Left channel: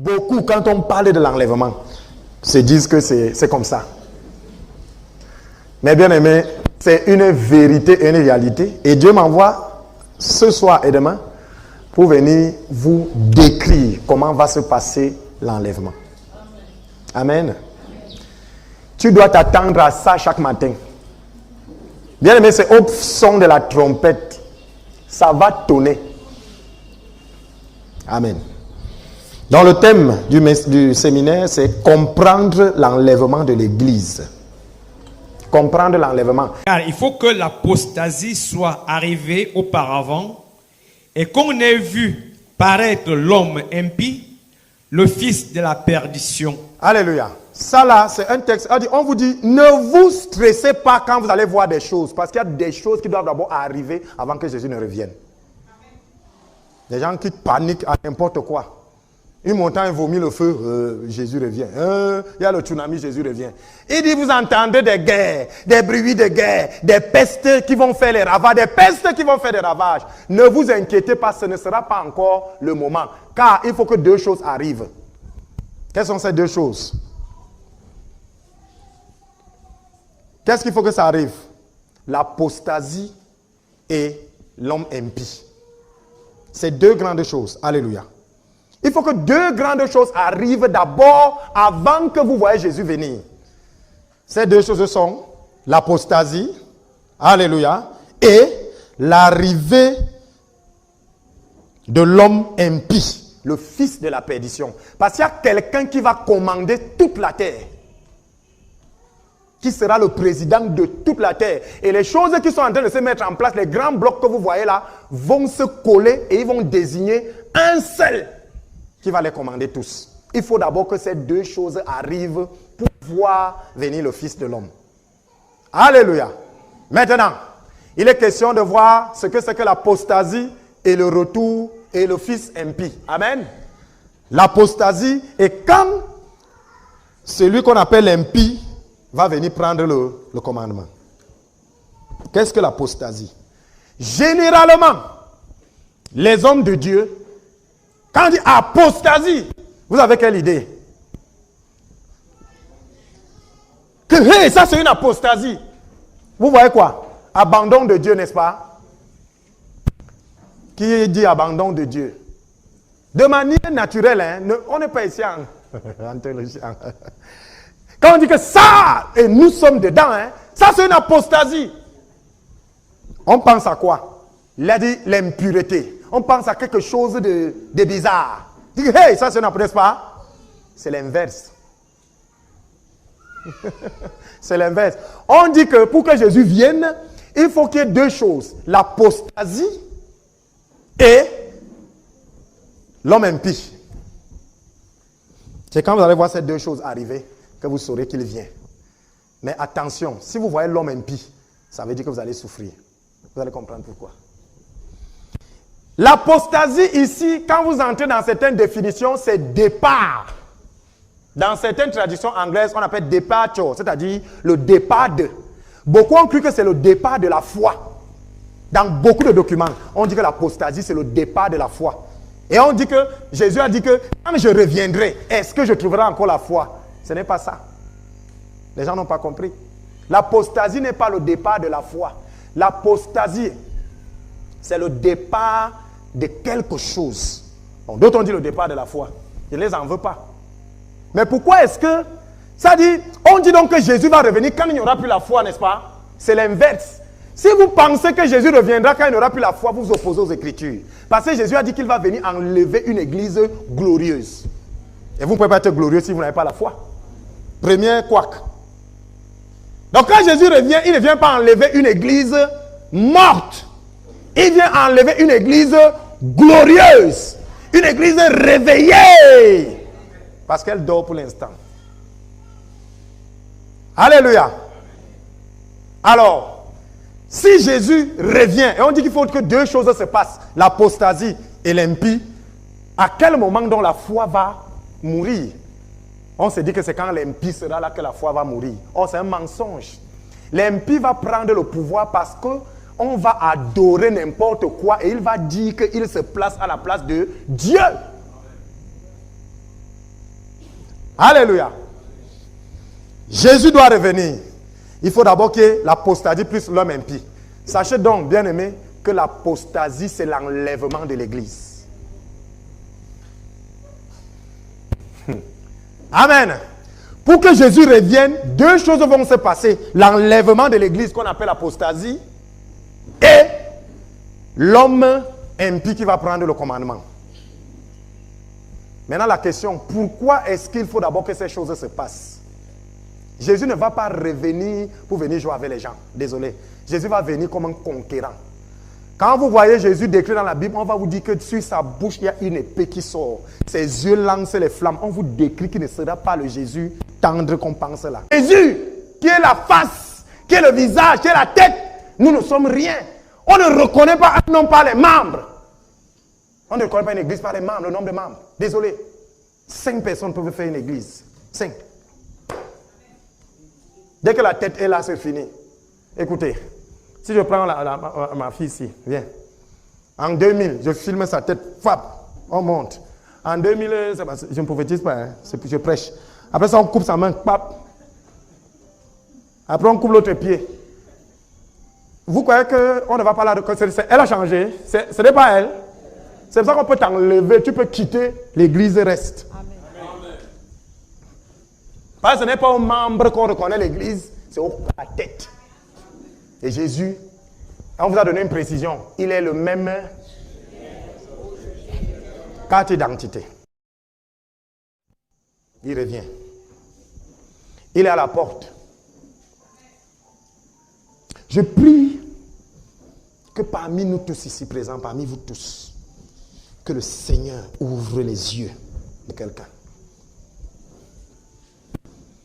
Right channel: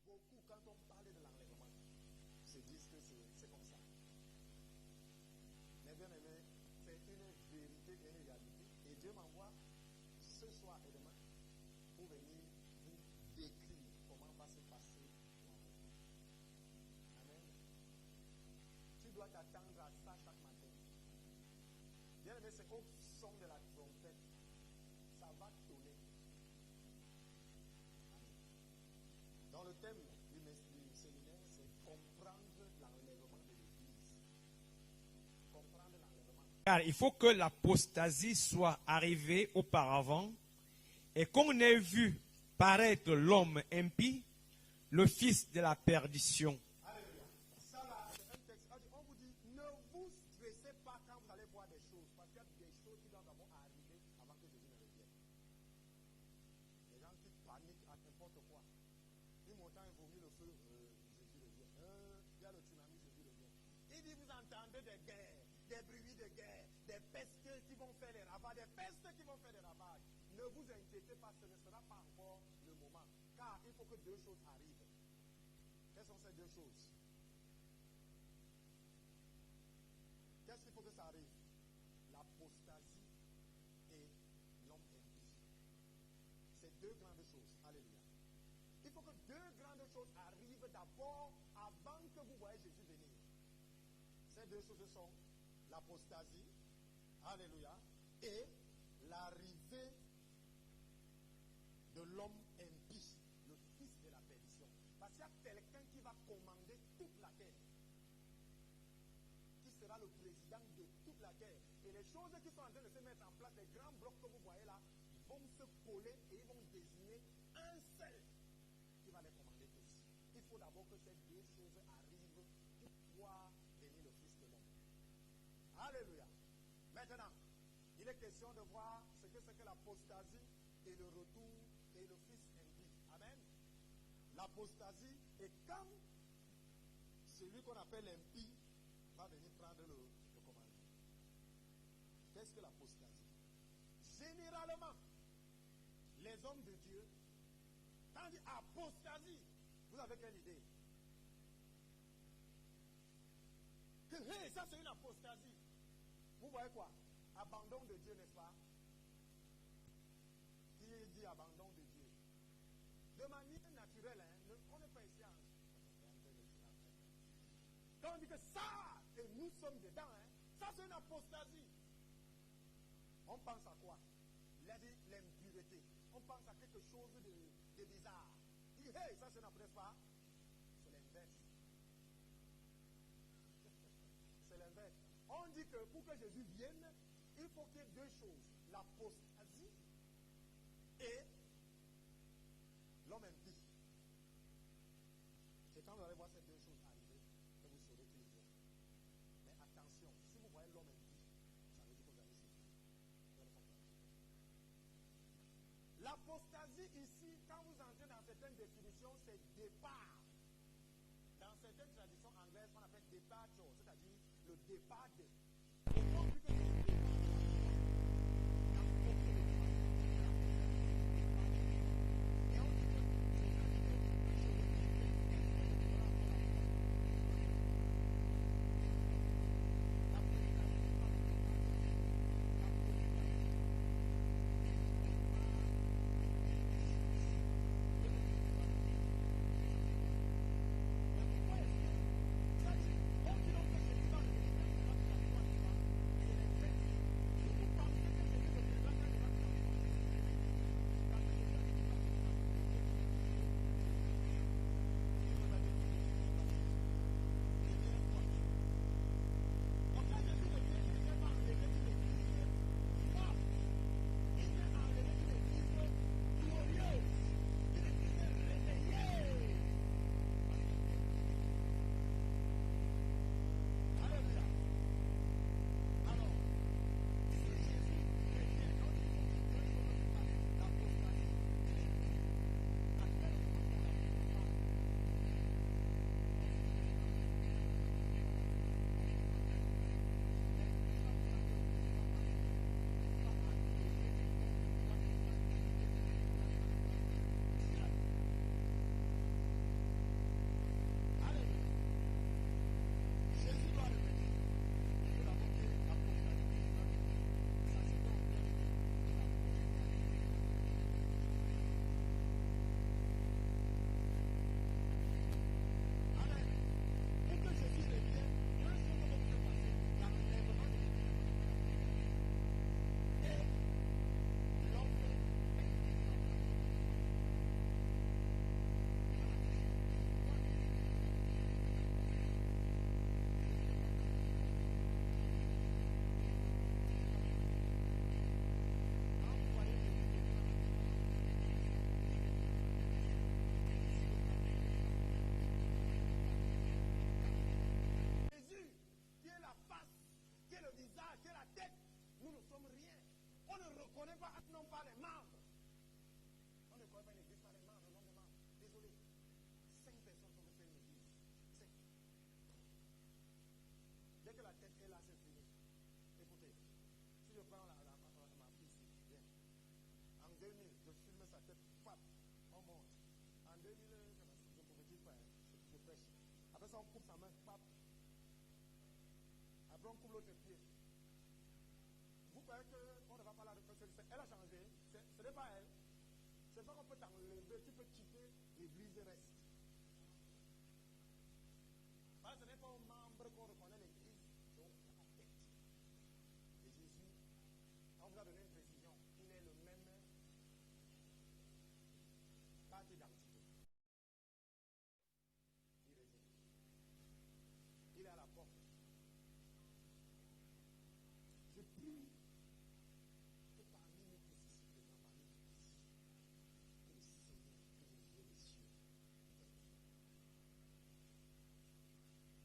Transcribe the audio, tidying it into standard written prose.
Beaucoup, quand on parle de l'enlèvement, se disent que c'est comme ça. Mais bien aimé, c'est une vérité et une réalité. Et Dieu m'envoie ce soir et demain pour venir vous décrire comment va se passer l'enlèvement. Amen. Tu dois t'attendre à ça chaque matin. Bien aimé, c'est au son de la trompette. Ça va tonner. Amen. Donc le thème du séminaire, c'est comprendre l'enlèvement de l'Église. Comprendre l'enlèvement. Car il faut que l'apostasie soit arrivée auparavant et qu'on ait vu paraître l'homme impie, le fils de la perdition. Alléluia. Ça là, c'est un texte. On vous dit, ne vous stressez pas quand vous allez voir des choses. Parce qu'il y a des choses qui doivent d'abord arriver avant que Jésus ne revienne. Des gens qui paniquent à n'importe quoi. Une montagne vomit le feu, Jésus revient. Il y a le tsunami, Jésus revient. Il dit, vous entendez des guerres, des bruits de guerre, des pestes qui vont faire les ravages, des pestes qui vont faire des ravages. Ne vous inquiétez pas, ce ne sera pas encore le moment. Car il faut que deux choses arrivent. Quelles sont ces deux choses? Qu'est-ce qu'il faut que ça arrive? L'apostasie et l'homme impie. C'est deux grandes choses. Alléluia. Il faut que deux grandes choses arrivent d'abord avant que vous voyez Jésus venir. Ces deux choses sont l'apostasie, alléluia, et l'arrivée de l'homme impie, le fils de la perdition. Parce qu'il y a quelqu'un qui va commander toute la terre, qui sera le président de toute la terre. Et les choses qui sont en train de se mettre en place, les grands blocs que vous voyez là, vont se coller et ils vont désigner un seul qui va les commander tous. Il faut d'abord que ces deux choses arrivent pour voir venir le Fils de l'homme. Alléluia. Maintenant, il est question de voir ce que c'est que l'apostasie et le retour et le Fils impie. Amen. L'apostasie est quand celui qu'on appelle impie va venir prendre le commandement. Qu'est-ce que l'apostasie? Généralement, les hommes de Dieu, quand on dit apostasie, vous avez quelle idée? Que hey, ça c'est une apostasie. Vous voyez quoi? Abandon de Dieu, n'est-ce pas? Qui dit abandon de Dieu? De manière naturelle, hein, on n'est pas ici en théologie. Quand on dit que ça, et nous sommes dedans, hein, ça c'est une apostasie. On pense à quoi? Il a dit l'impureté. On pense à quelque chose de bizarre. On dit, hey, ça c'est une apostasie, n'est-ce pas? C'est l'inverse. C'est l'inverse. On dit que pour que Jésus vienne, il faut qu'il y ait deux choses. L'apostasie et l'homme impie. C'est quand vous allez voir ces deux choses arriver que vous saurez qu'il vient. Mais attention, si vous voyez l'homme impie, ça veut dire que vous allez souffrir. Vous allez comprendre pourquoi. L'apostasie ici, quand vous entrez dans certaines définitions, c'est départ. Dans certaines traditions anglaises, on appelle departure, c'est-à-dire le départ de. Beaucoup ont cru que c'est le départ de la foi. Dans beaucoup de documents, on dit que l'apostasie, c'est le départ de la foi. Et on dit que, Jésus a dit que, quand je reviendrai, est-ce que je trouverai encore la foi? Ce n'est pas ça. Les gens n'ont pas compris. L'apostasie n'est pas le départ de la foi. L'apostasie, c'est le départ de quelque chose. Bon, d'autres ont dit le départ de la foi. Je ne les en veux pas. Mais pourquoi est-ce que... Ça dit, on dit donc que Jésus va revenir quand il n'y aura plus la foi, n'est-ce pas? C'est l'inverse. Si vous pensez que Jésus reviendra quand il n'y aura plus la foi, vous vous opposez aux Écritures. Parce que Jésus a dit qu'il va venir enlever une église glorieuse. Et vous ne pouvez pas être glorieux si vous n'avez pas la foi. Premier couac. Donc quand Jésus revient, il ne vient pas enlever une église morte. Il vient enlever une église glorieuse. Une église réveillée. Parce qu'elle dort pour l'instant. Alléluia. Alors, si Jésus revient, et on dit qu'il faut que deux choses se passent, l'apostasie et l'impie, à quel moment donc la foi va mourir? On se dit que c'est quand l'impie sera là que la foi va mourir. Oh, c'est un mensonge. L'impie va prendre le pouvoir parce qu'on va adorer n'importe quoi et il va dire qu'il se place à la place de Dieu. Alléluia. Jésus doit revenir. Il faut d'abord qu'il y ait l'apostasie plus l'homme impie. Sachez donc, bien-aimés, que l'apostasie, c'est l'enlèvement de l'Église. Amen. Pour que Jésus revienne, deux choses vont se passer. L'enlèvement de l'Église qu'on appelle l'apostasie et l'homme impie qui va prendre le commandement. Maintenant la question, pourquoi est-ce qu'il faut d'abord que ces choses se passent? Jésus ne va pas revenir pour venir jouer avec les gens. Désolé. Jésus va venir comme un conquérant. Quand vous voyez Jésus décrit dans la Bible, on va vous dire que sur sa bouche, il y a une épée qui sort. Ses yeux lancent les flammes. On vous décrit qu'il ne sera pas le Jésus tendre qu'on pense là. Jésus, qui est la face, qui est le visage, qui est la tête, nous ne sommes rien. On ne reconnaît pas un homme par les membres. On ne reconnaît pas une église par les membres, le nombre de membres. Désolé. 5 personnes peuvent faire une église. 5. Dès que la tête est là, c'est fini. Écoutez, si je prends ma fille ici, viens. En 2000, je filme sa tête, fap, on monte. En 2000, je ne prophétise pas, hein, je prêche. Après ça, on coupe sa main, pap. Après, on coupe l'autre pied. Vous croyez qu'on ne va pas là de... Elle a changé, ce n'est pas elle. C'est pour ça qu'on peut t'enlever, tu peux quitter, l'église reste. Amen. Parce que ce n'est pas aux membres qu'on reconnaît l'église, c'est à la tête. Et Jésus, on vous a donné une précision, il est le même carte d'identité. Il revient. Il est à la porte. Je prie que parmi nous tous ici présents, parmi vous tous, que le Seigneur ouvre les yeux de quelqu'un.